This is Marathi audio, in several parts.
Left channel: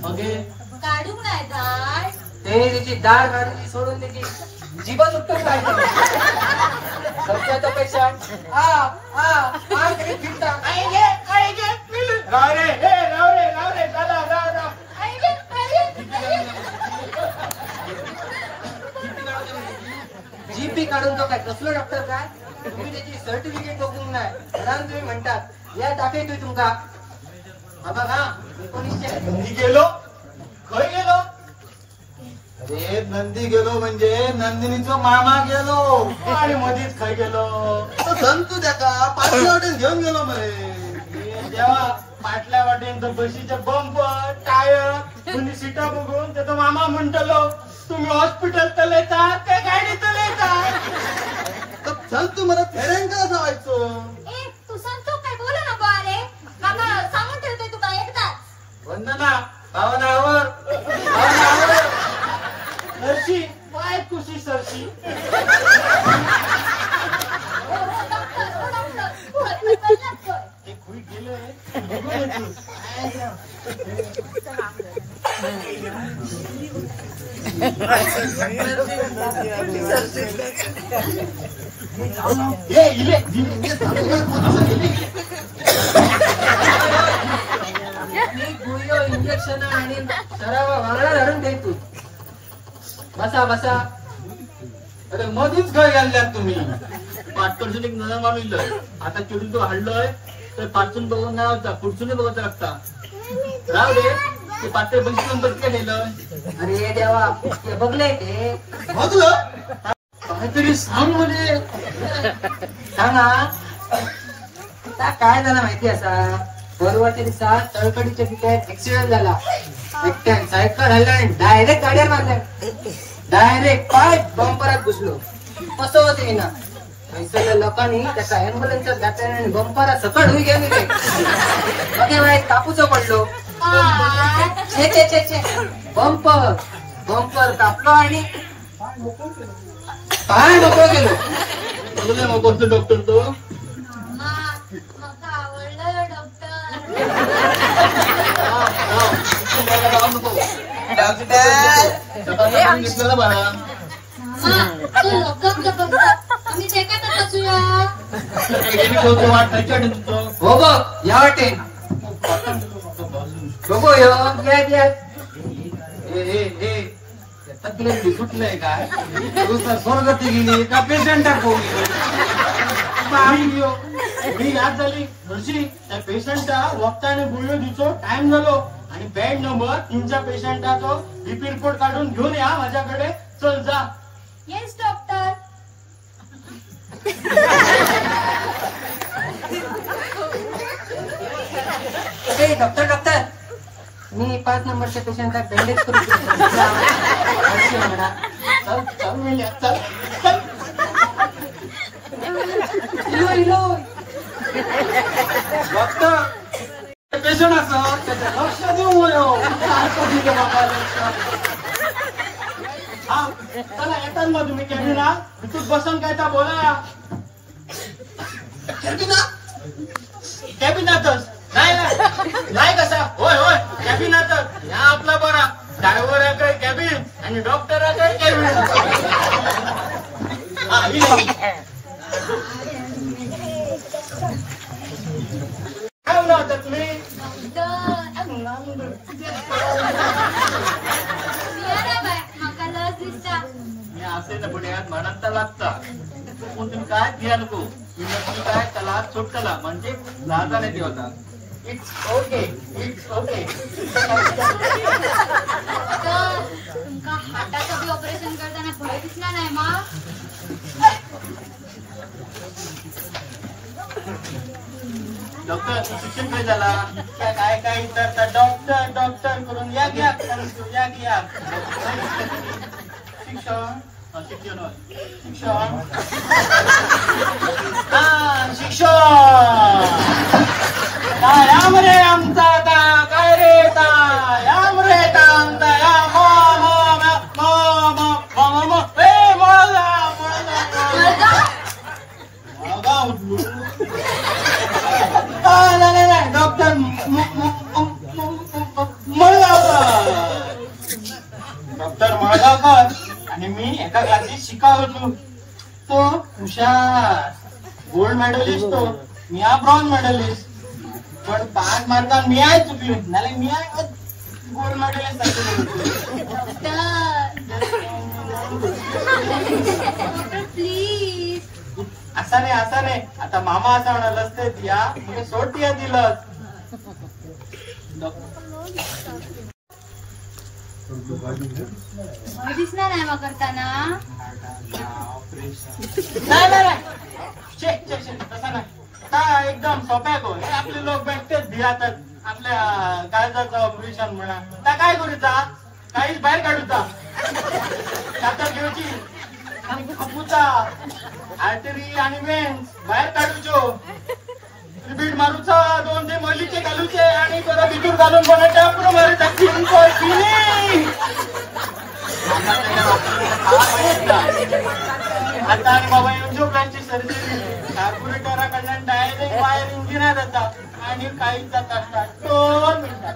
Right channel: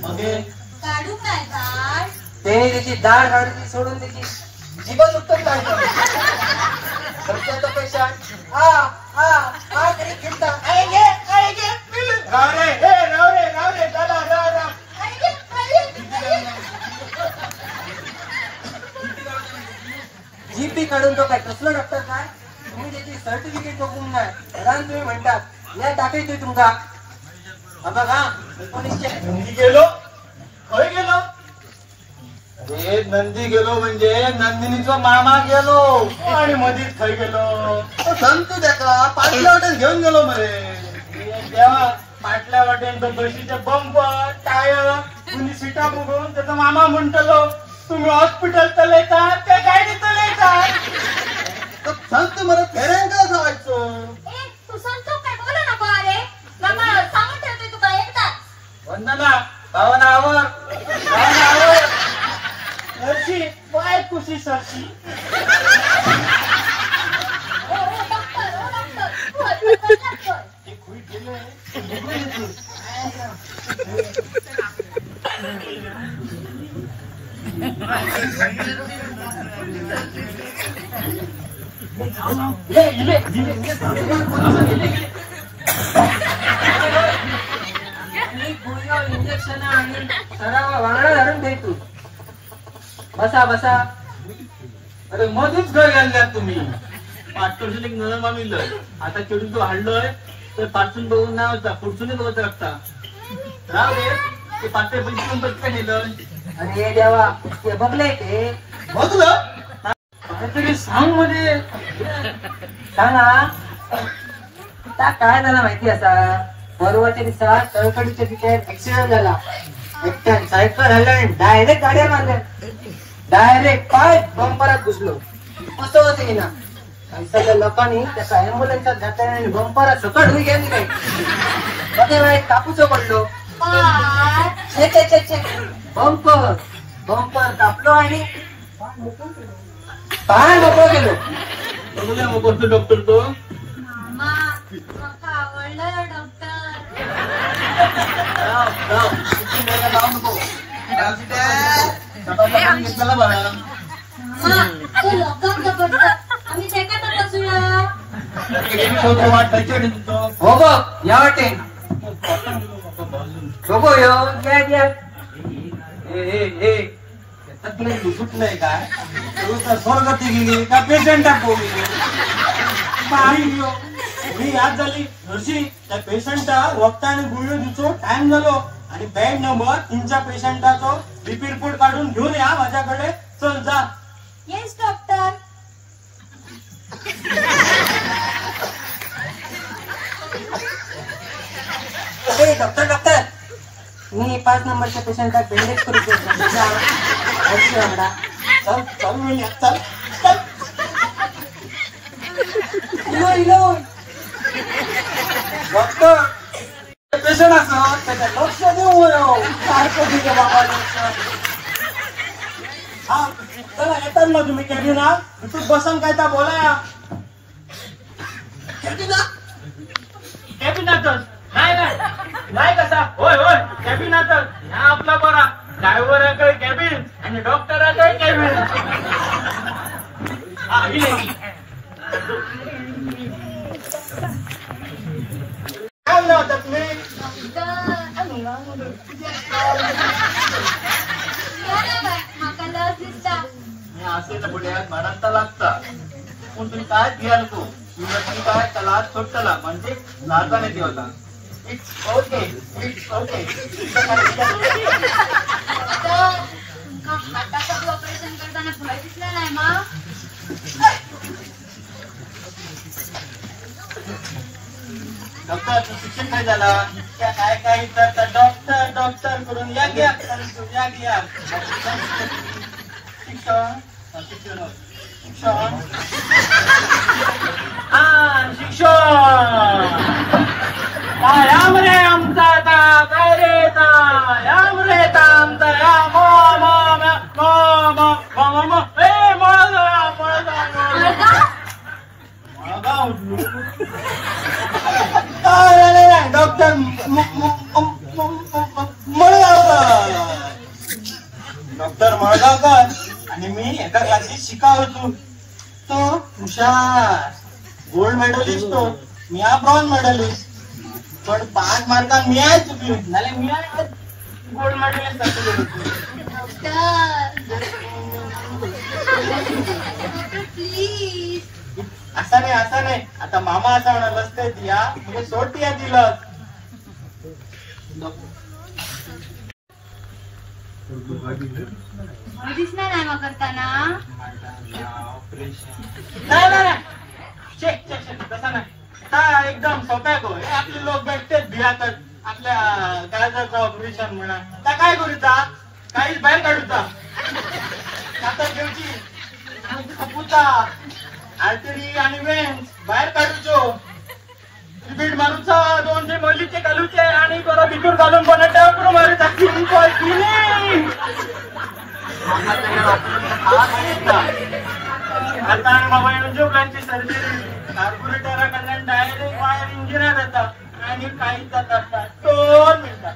मग काढून नाही झाड ते त्याची दाढ काढून सोडून त्याची जीवन उत्तम काढतो. पेक्षा जीपी काढून तो काय कसलो डॉक्टर काय तुम्ही त्याची सर्टिफिकेट बघून नाही तुम्ही म्हणतात या दाखवतोय तुमका. बघा 1900 नंदी गेलो खय गेलो. अरे नंदी गेलो म्हणजे नंदिनीचा मामा गेलो आणि मध्येच खय गेलो संतू त्याका पाटल्या वाटेन घेऊन गेलो मरे. तेव्हा पाटल्या वाटेन तर बशीचे बंप टायर तुम्ही सीटा बघून त्याचा मामा म्हणतलो तुम्ही हॉस्पिटल तर येता त्या गाडीत येता संत मला फेऱ्यांका जायचं. तू सांगतो काय बोला नको अरे मामा सांगून ठेवतोय तुका एकदाच. वंदना भावनावर सरशी काय खुशी सरशी. ते खुई गेलंय इंजेक्शन आणि सरावा वांगडा धरून घेतो. बसा बसा. अरे मधीच घर घालल्यात तुम्ही. पाठपासून एक नजर मामिलंय आता चेडू तो हाडलोय तर पाठून बघून ना होता पुढसून बघत लागता. राव दे ते पाठे पण कंपनी काय दिलं. अरे देवा ते बघलंय ते बघलं काहीतरी सांग मध्ये सांगा. काय झाला माहिती असा परवाच्या दिवसात तळकडीच्या तिथे ऍक्सिडेंट झाला. एकट्यान साईडला झालं आणि डायरेक्ट गाड्या मारल्या. डायरेक्ट पाय बंपरात घुसलो. कसं होते ना सगळ्या लोकांनी त्याचा अँब्युलन्सचा घातला आणि बंपरात सकट होई गेले. बघे माहिती कापूचं पडलो. बंपर बंपर कापलो आणि पाय मोकळं गेलो. बघले मोकळतो डॉक्टर तो. मामा माका आवडलं डॉक्टर. जाऊ नको सकाळी बाळा. मामा ते लोकांना बघतात आम्ही ते काय बसूया. हो बघ या वाटे बघू या तुला सुटलंय काय तुला स्वर्गती गेली का पेशंटाक बोलली. ही याद झाली नर्सी त्या पेशंटा रक्ताने गुळ्यो दिवचो टाइम झालो आणि बेड नंबर 3च्या पेशंटाचो बीपी रिपोर्ट काढून घेऊन या माझ्याकडे. चल जा. Yes doctor. डॉक्टर डॉक्टर मी 5 नंबरच्या पेशंटला बँडेज करू डॉक्टर पेशंट असं त्याचं लक्ष देऊ. हा चला येतात ना तुम्ही कॅबिनात. तू बसन काय तर बोला. कॅबिनातच नाही नाही नाही कसा होय होय कॅबिनातच. ह्या आपला बरा ड्रायव्हराकडे कॅबिन आणि डॉक्टराकडे कॅबिन. हा काय म्हणलं होता तुम्ही. माका लस दिसता. मी असेल पुढे मरणता लागता पण तुम्ही काय घ्या नको. तुम्ही काय त्याला सोडताला म्हणजे लाजा नाही होता. It's okay it's okay. तुमका हार्टाचं ऑपरेशन करताना भय दिसला नाही मा. डॉक्टर शिक्षण काय झाला काय काय तर डॉक्टर डॉक्टर करून या घ्या या घ्या. शिक्षण शिक्षण शिक्षण हा शिक्षण याम रे आमचा आता काय रे याम रे आमचा या डॉक्टर डॉक्टर माळगावकर आणि मी एका क्लासीत शिका होतो. तो हुशार गोल्ड मेडलिस्ट तो, मी हा ब्रॉन्झ मेडलिस्ट. पण 5 मार्कांनी मी आहे चुकली, नाही मी आहे गोल्ड मेडलिस्ट प्लीज. असा नाही आता मामा असा म्हणाल असते या तुम्ही सोड या दिलं. दिसणार नाही मग करताना. नाही तसा नाही. हा एकदम सोप्या गो आपले लोक भेटतेच भियातच आपल्या काळजाचं ऑपरेशन म्हणा त्या काय करूचा काही बाहेर काढूचा आता घेऊची आणि खपूचा आर्टरी आणि वेन्स बाहेर काढूचो बीट मारूचा 2 ते मलीचे घालूचे आणि परत भितूर घालून बनाटे पुढे मारूचा आता बाबा इंजुब्लांची सर्जरी कार्पोरेटराकडनं डायरेक्ट वायर इंजिनियर येतात आणि काही जात असतात 2 मिनिटात.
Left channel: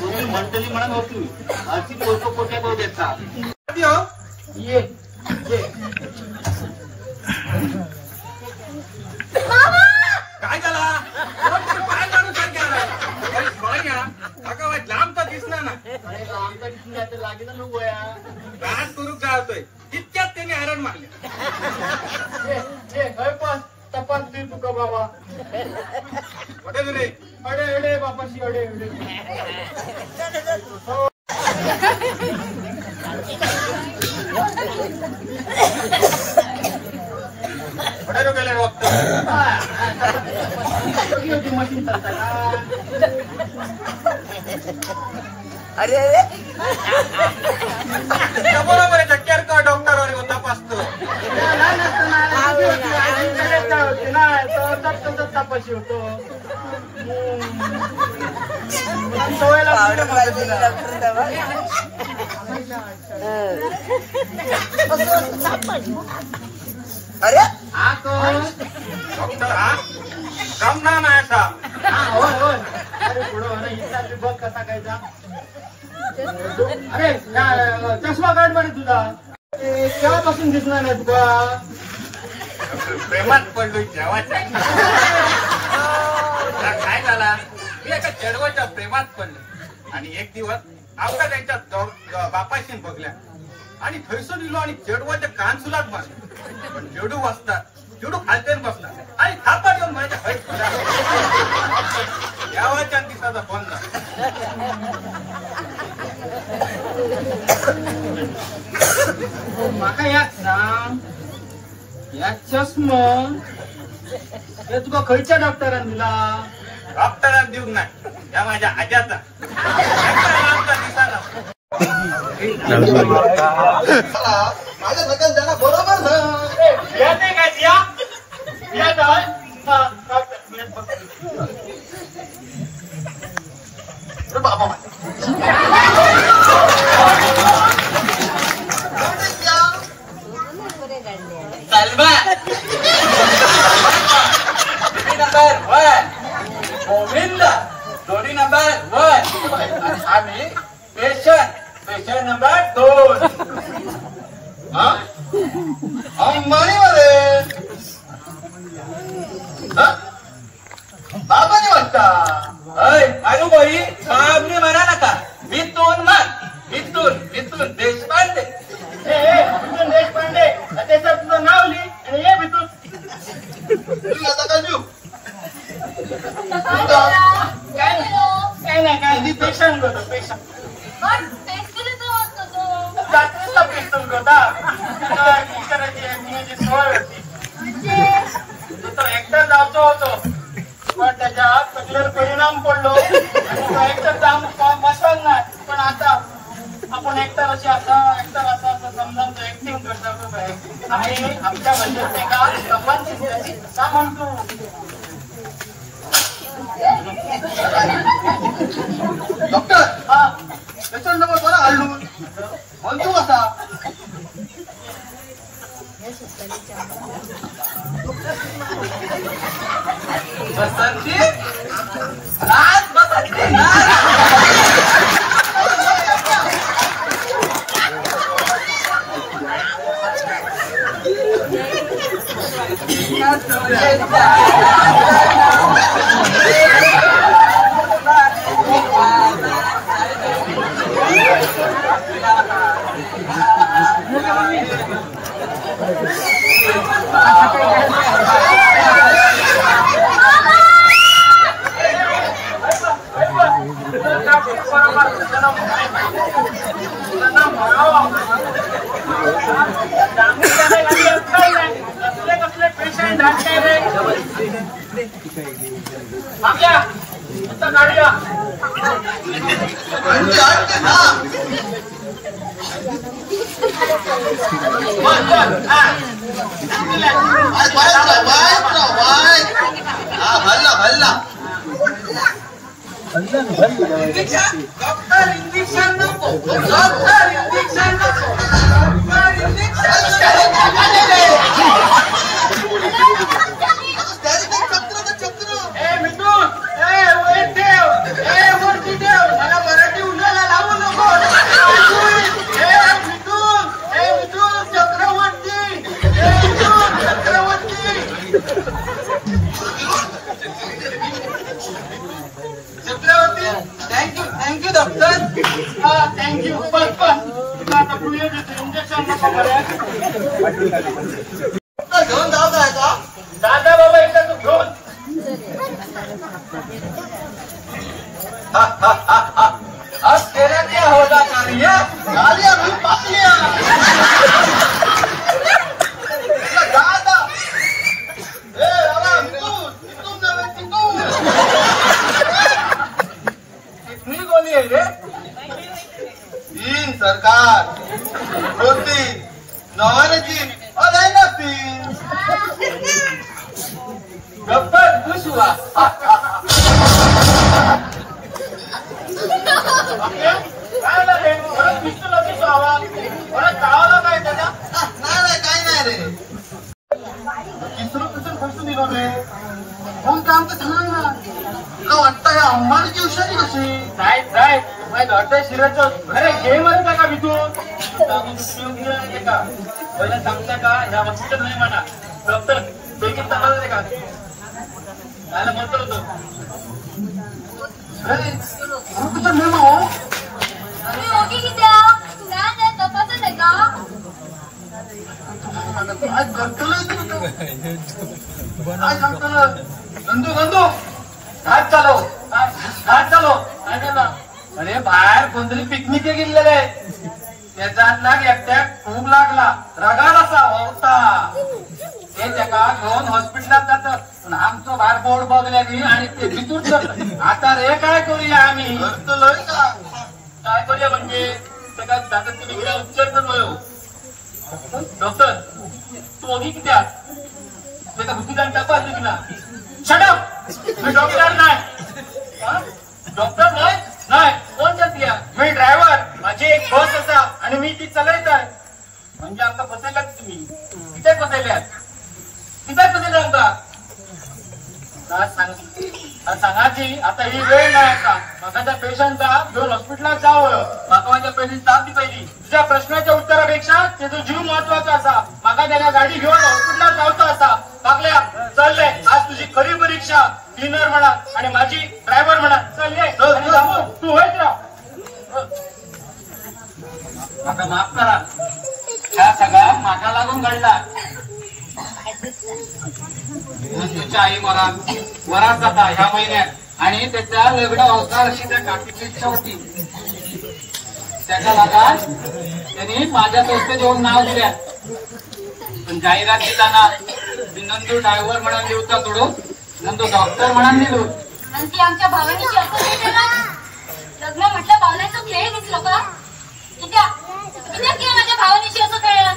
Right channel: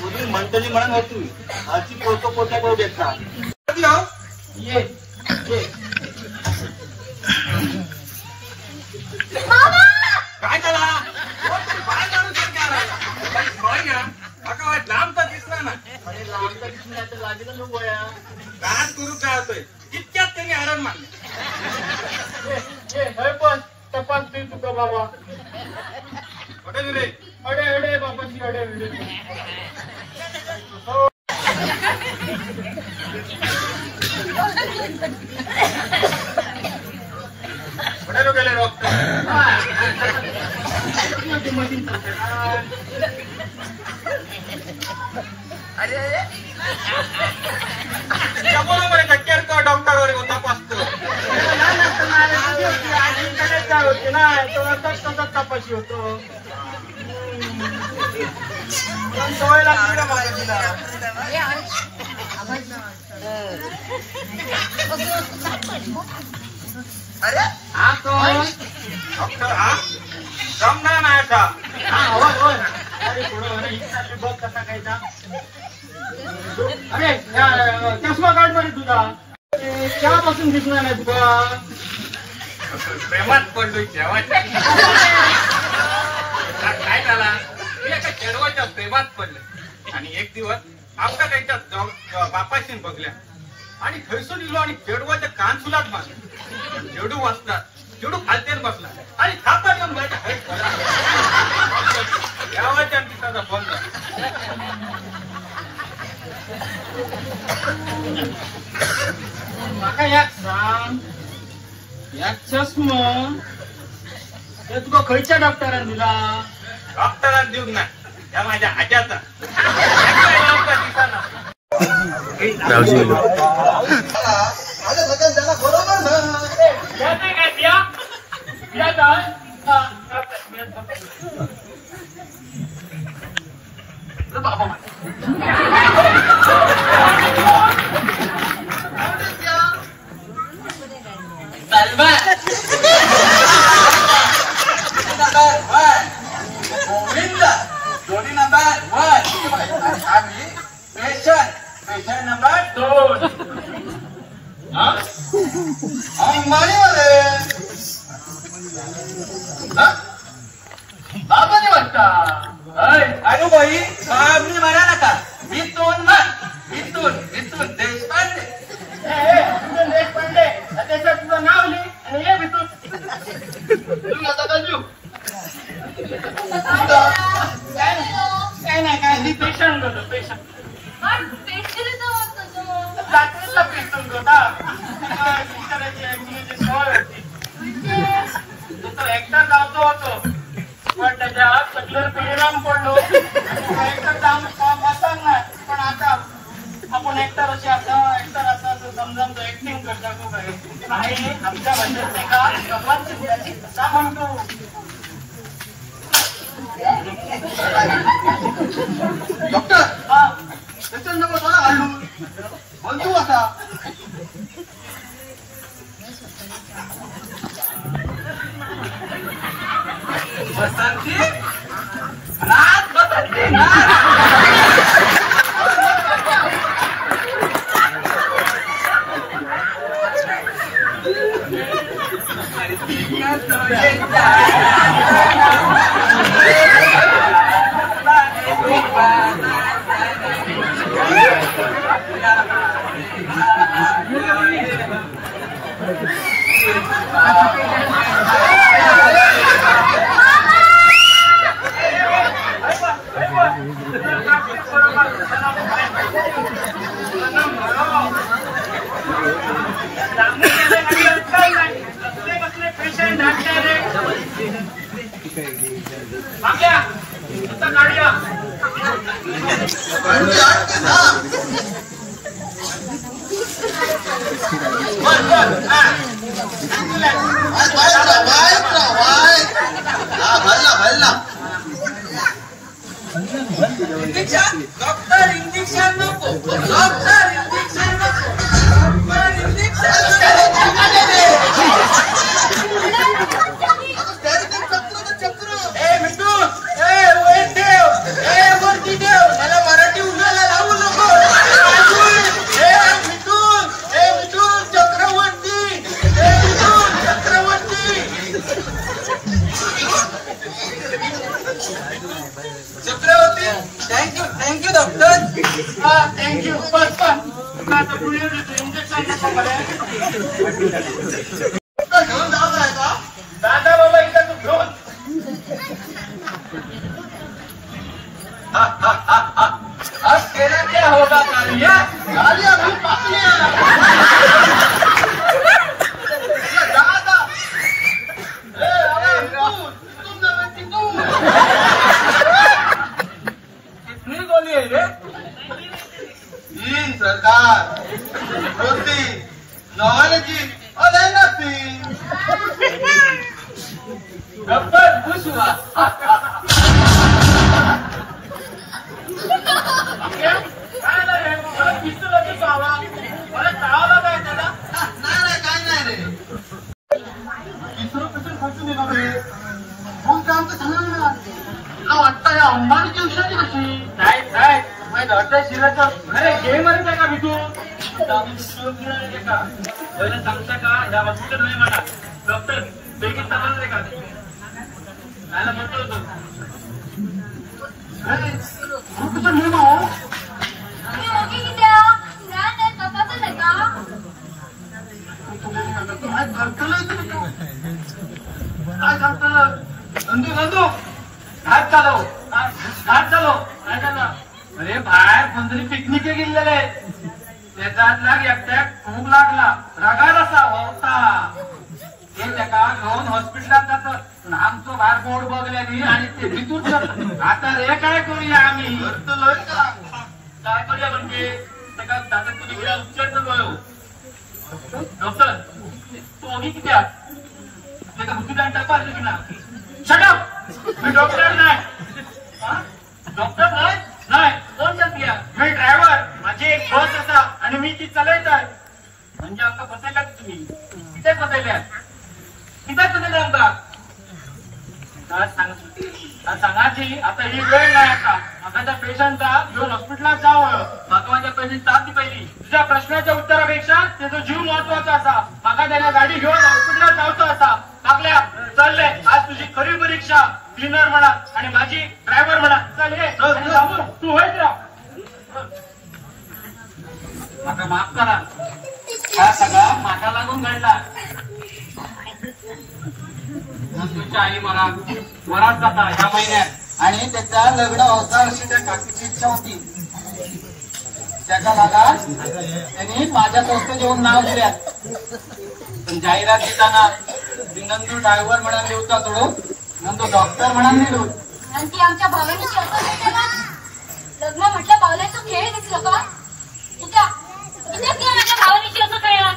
म्हणून म्हणतली म्हणून होती आजची पोट्या पाव घेतला ये काय झाला बाहेर काढून लांब तर दिसणार ना. लांब तर दिसणार तर लागेल लोक गाठ करू जातोय तितक्यात त्यांनी हैराण मारले. पण तपास दे तुका बाबा अडे बापाशी अडे गेले मशीन चालताय बरोबर आहे केअर का डॉक्टर तपासतो होते ना तो तपाशी होतो. सवय लागली ना माझा तिला. अरे हा कोण डॉक्टर हा जमणार नाही का. हा होय अरे पुढं इथला बघ कसा कायचा. अरे चष्मा काढ बरी तुझा केव्हापासून दिसणार नाही तुका. प्रेमात पडलोय जेव्हा काय झाला मी एका खेळवाच्या प्रेमात पडलं आणि एक दिवस आमच्या त्याच्या बापाशी बघल्या आणि थैसून दिलो आणि चेडवाच्या कान सुलात मारले. पण चेडू वाजतात चेडू खालतेन बसला आणि थापा येऊन माझ्या हळी खोला यावाच्या दिवसाचा फोन माका याक सांग या चष्मा तुका खयच्या डॉक्टरान दिला. डॉक्टरान दिवक नाही या माझ्या आज्याचा दिसाना. गोविंद जोडी नंबर 1 आम्ही पेशंट नंबर 2 अंगणवाडीमध्ये बाबाने वाटता अनुभवी सामने म्हणा नका मिथून मिथून देशपांडे देशपांडे त्याचं तुझं नाव लिही आणि ये मिथून काय नाही पेशंट होतो पेशंट रात्रीचा पेशंट होता टीचराची सवय होती तो एकटा जावतो होतो पण त्याच्या सगळ्यावर परिणाम पडलो आणि एकटा जाऊन बसत नाही. पण आता आपण एकतर असं समजावून तो ऍक्टिंग करतो आहे आमच्या म्हणजे का म्हणतो डॉक्टर हा त्याचा नंबर बरा हल्लू म्हणतो कसा बसंती नाच बसते नाच. कसले पेशंट आणताय रे काढूया भरला इंजेक्शन डॉक्टर इंजेक्शन नको डॉक्टर इंजेक्शन नको डॉक्टर इंजेक्शन चक्र ए मिठून ए वेट देव ए मोठी देव मला मराठी उद्याला लावू नको मिठून चक्रवर्ती ए Mithun Chakraborty thank you doctor thank you घेऊन जात आहे का दादा बाबा एकदा तू घेऊन आज तेरा क्या होगा कालिया कालिया भी पालिया दादा कितनी गोली है ये 3 सरकार रोटी नॉलेजी और नथी डॉक्टर खुश हुआ काय लागेल परत पिस्तूल होती आवा परत चावला काय त्याचा नाही काय नाही रे पिस्तूल फसून निघालो रे कोण काम तर झालं ना वाटतं या अंबानीची विषयाची कशी नाही काय माहिती वाटतं शिराचं अरे गेम आहे का भितून का पहिला सांगता का या हॉस्पिटल नाही म्हणा डॉक्टर पैकी तपासले का त्याला म्हणतो होतो अरे कुठं मेमो नंदू हात चालव काय करता अरे बाहेर कोणतरी पिकनिक गेलेलं आहे त्याचा लाग एकट्या खूप लागला रगाड असा होता ते त्याका घेऊन हॉस्पिटलात जातात पण आमचं बाहेर बोर्ड बघल्याने आणि ते भितूर आता रे काय करूया आम्ही काय करूया म्हणजे त्याला जातात तुम्ही गेल्या उपचार डॉक्टर तू ओगी किती त्याचा बुद्धिदान तपासली की ना शटअप मी डॉक्टर नाही डॉक्टर नाही कोण चालतीया मी ड्रायव्हर माझी एक बस असा आणि मी ती चालवत आहे म्हणजे आमका फसायला तुम्ही किती फसायल्या आमका सांगायची आता ही वेळ नाही आता माझा त्या पेशंटचा घेऊन हॉस्पिटलात जावं माका माझ्या पेशंट ताप पाहिजे तुझ्या प्रश्नाच्या उत्तरापेक्षा त्याचा जीव महत्वाचा असा माका त्याला गाडी घेऊन हॉस्पिटलात जायचं असा टाकल्या चाललंय आज तुझी खरी परीक्षा क्लिनर म्हणा आणि माझी ड्रायव्हर म्हणा चल रे तू होईच राह माका माफ करा हा सगळा माका लागून घडला तुझ्या आई मला वरात जाता ह्या महिन्यात आणि त्याच्या लग्न होता अशी त्या काकीची इच्छा होती त्याच्या लागात त्यांनी माझ्या संस्थेत येऊन नाव दिल्या पण जाहिरात देताना मी नंदू ड्रायव्हर म्हणून लिहता थोडं नंदू डॉक्टर म्हणून लिहिलो आणि ती आमच्या भावानी लग्न म्हटलं बावल्याचं खेळ दिसलं का तुझ्या माझ्या भावानीशी असं कळलं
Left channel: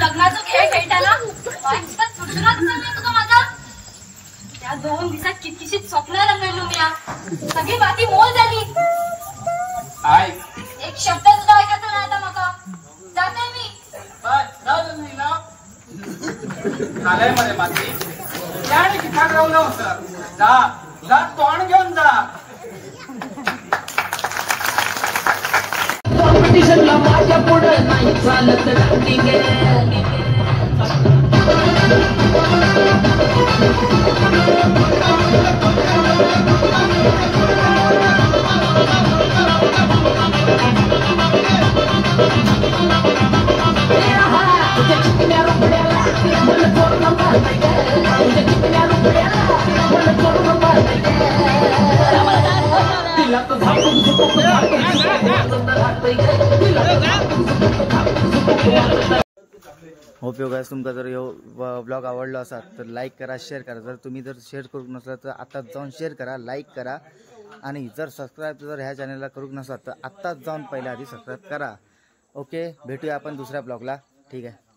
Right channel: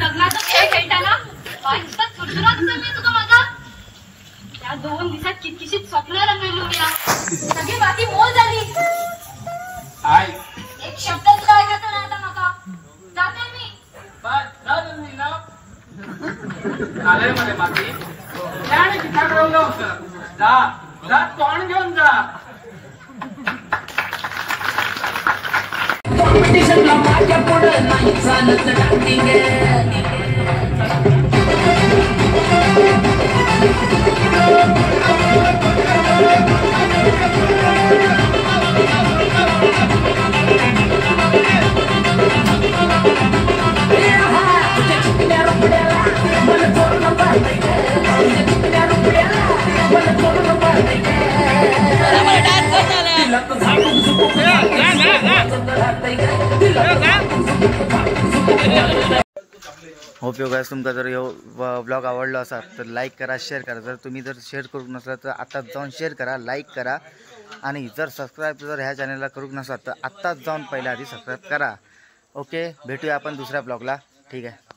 लग्नाचा खेळ खेळताना तुका माझं त्या 2 दिवसात कितीशी स्वप्न रंगवली सगळी बाकी मोल झाली एक शब्द सुद्धा ऐकायचा नाही आता माका जाते मी मध्ये माती त्याने ठिकाण राहून जा जा तोंड घेऊन जा. कॉम्पिटिशनला माझ्या पुढे नाही चालत डान्सिंग होप यू गाइस तुमका जर ह्यो ब्लॉग आवडलो असा तर लाईक करा, शेअर करा. जर तुम्ही जर शेअर करू नसला तर आत्ताच जाऊन शेअर करा, लाईक करा. आणि जर सबस्क्राईब जर ह्या चॅनलला करू नसला तर आत्ताच जाऊन पहिल्या आधी सबस्क्राईब करा. ओके, भेटूया आपण दुसऱ्या ब्लॉगला. ठीक आहे.